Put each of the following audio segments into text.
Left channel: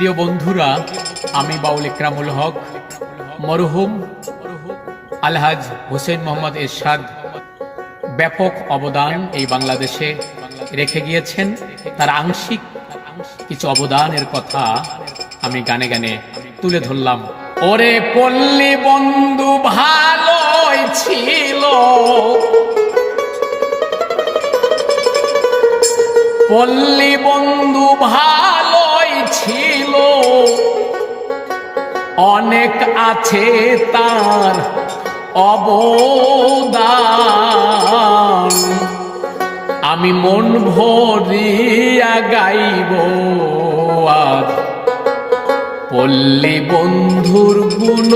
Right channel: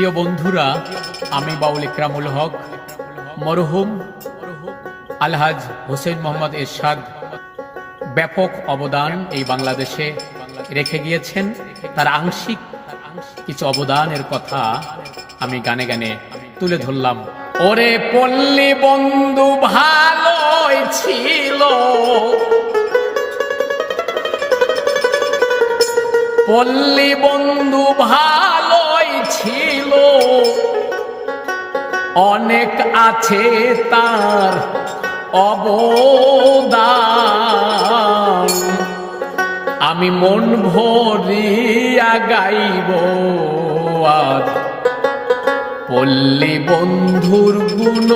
প্রিয় বন্ধুরা, আমি বাউল ইকরামুল হক, মরহুম আলহাজ হোসেন মোহাম্মদ এরশাদ। ব্যাপক অবদান এই বাংলাদেশে রেখে গিয়েছেন। তার আংশিক কিছু অবদানের কথা আমি গানে গানে তুলে ধরলাম। ওরে পল্লী বন্ধু ভালোই ছিল। পল্লী বন্ধু ভালোই অনেক আছে তার অবদান। আমি মন ভরিয়া গাইব আর পল্লী বন্ধুর গুণ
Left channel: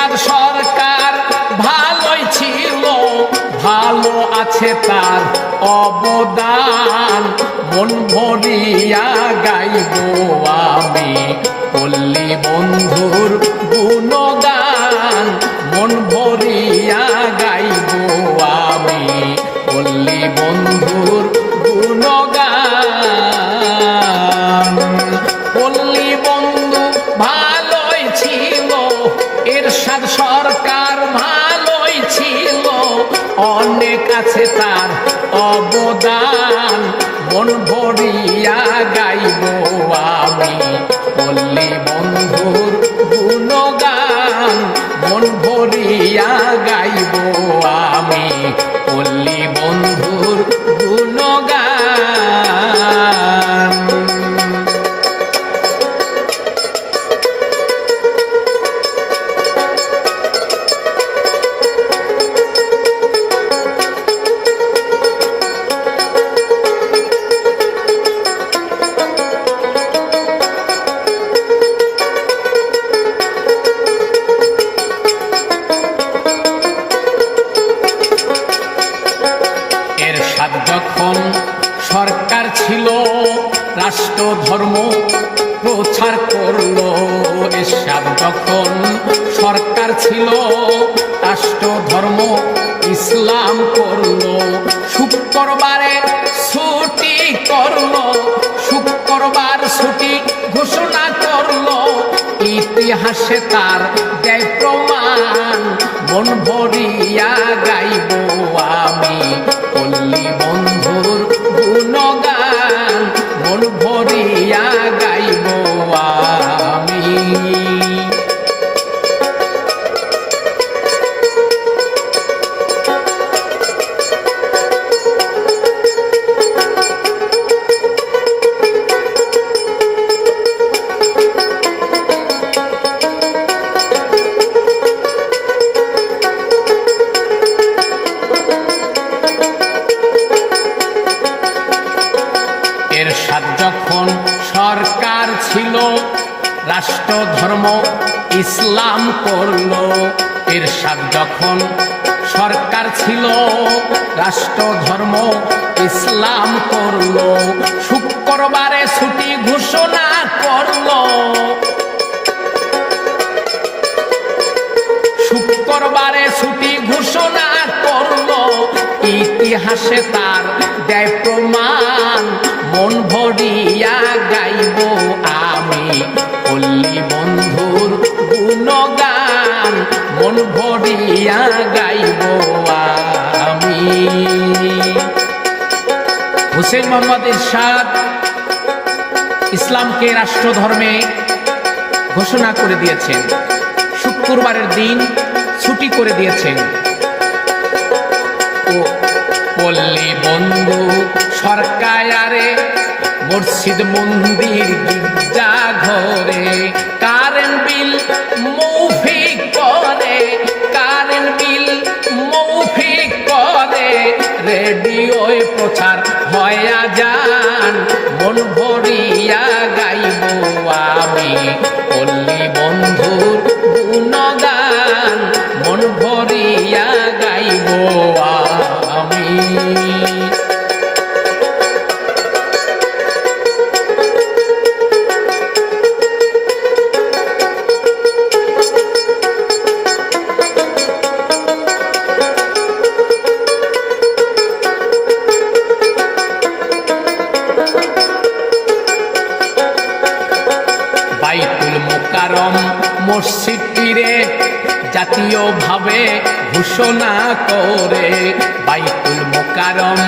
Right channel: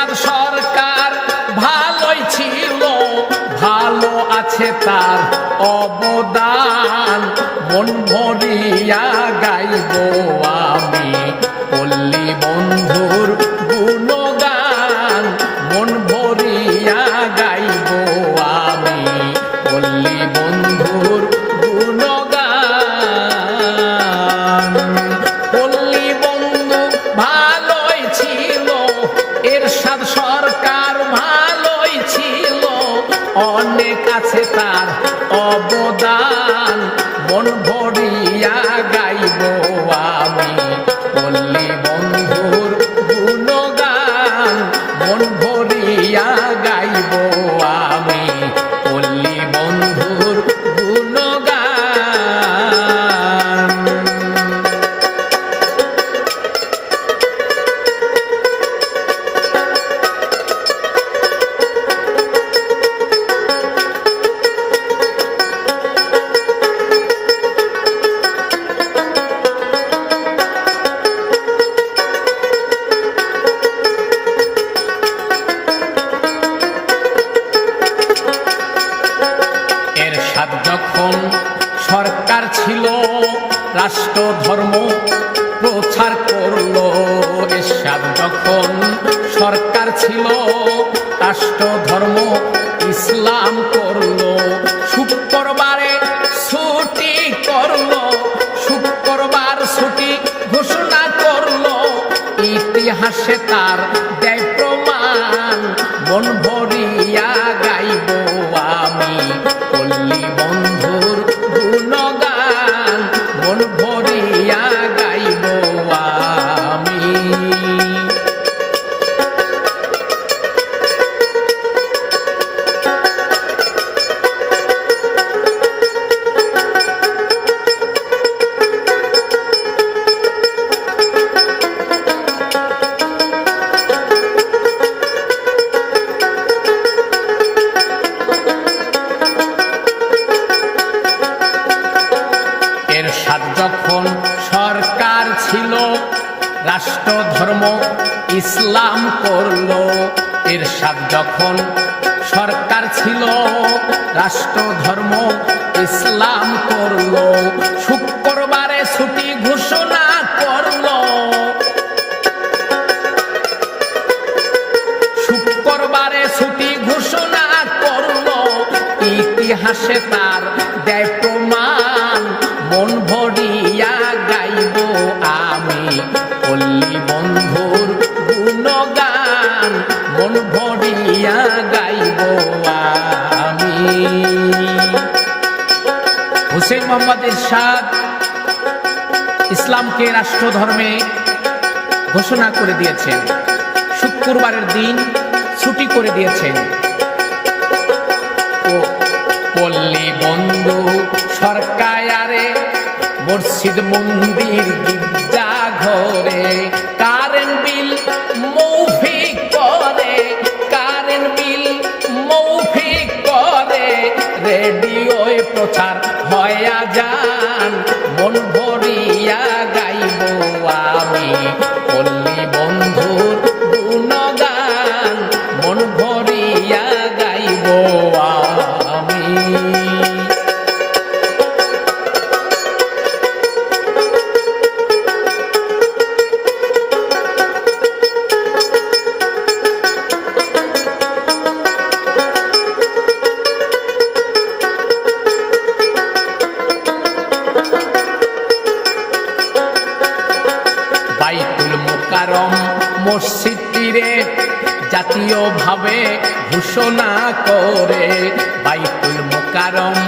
এরশাদ সরকার ভালোই ছিল, ভালো আছে তার অবদান। মন ভরিয়া গাইব আমি পল্লী বন্ধুর গুণগান। মন ভরিয়া গাইব আমি পল্লী বন্ধুর আছে তার অবদান। মন ভরিয়া গাইব আমি। বললি বন্ধুর গুণগান। মন রাষ্ট্র ধর্ম প্রচার করল। এর সাথ যখন সরকার ছিল রাষ্ট্র ধর্ম ইসলাম করল। শুক্রবারে ছুটি করল, শুক্রবার ছুটি ঘোষণা করল। ইতিহাসে তার সাথ যখন সরকার ছিল রাষ্ট্র ধর্ম ইসলাম করল এর সাত যখন সরকার ছিল রাষ্ট্র ধর্ম ইসলাম করল শুক্রবারে ইরশাদ ইসলামকে রাষ্ট্র ধর্মে ঘোষণা করে দিয়েছেন। শুক্রবারের দিন ছুটি করে দিয়েছেন। পল্লী বন্ধু সরকারে মসজিদ মন্দির গির্জা ঘরে রেডিওয় প্রচার হয়া যান মন ভরিয়া গাইব আমি। মসজিদটিরে জাতীয়ভাবে ঘোষণা করে। বাইতুল মোকারম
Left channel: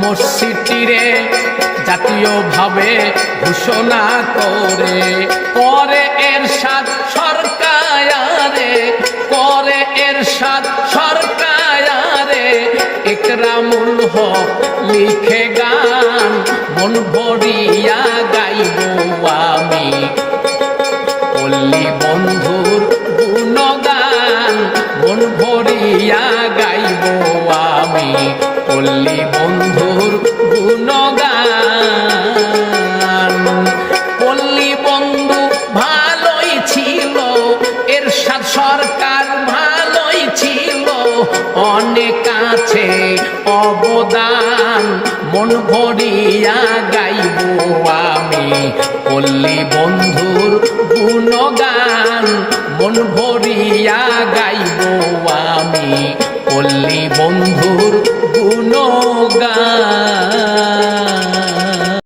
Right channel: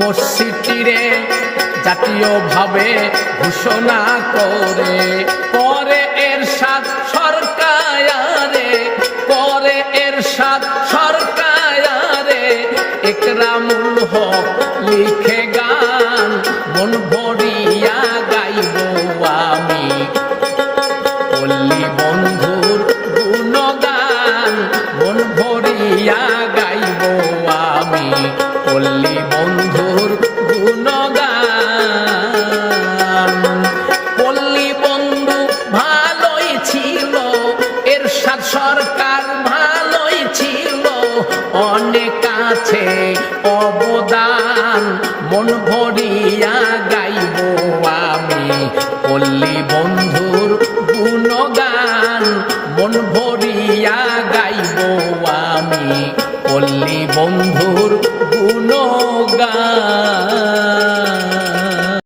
মসজিদটিরে জাতীয়ভাবে ঘোষণা করে। পরে এর সাত সরকারে পরে এর সাত সরকারে একরামুল হক লিখে গান, মন ভরিয়া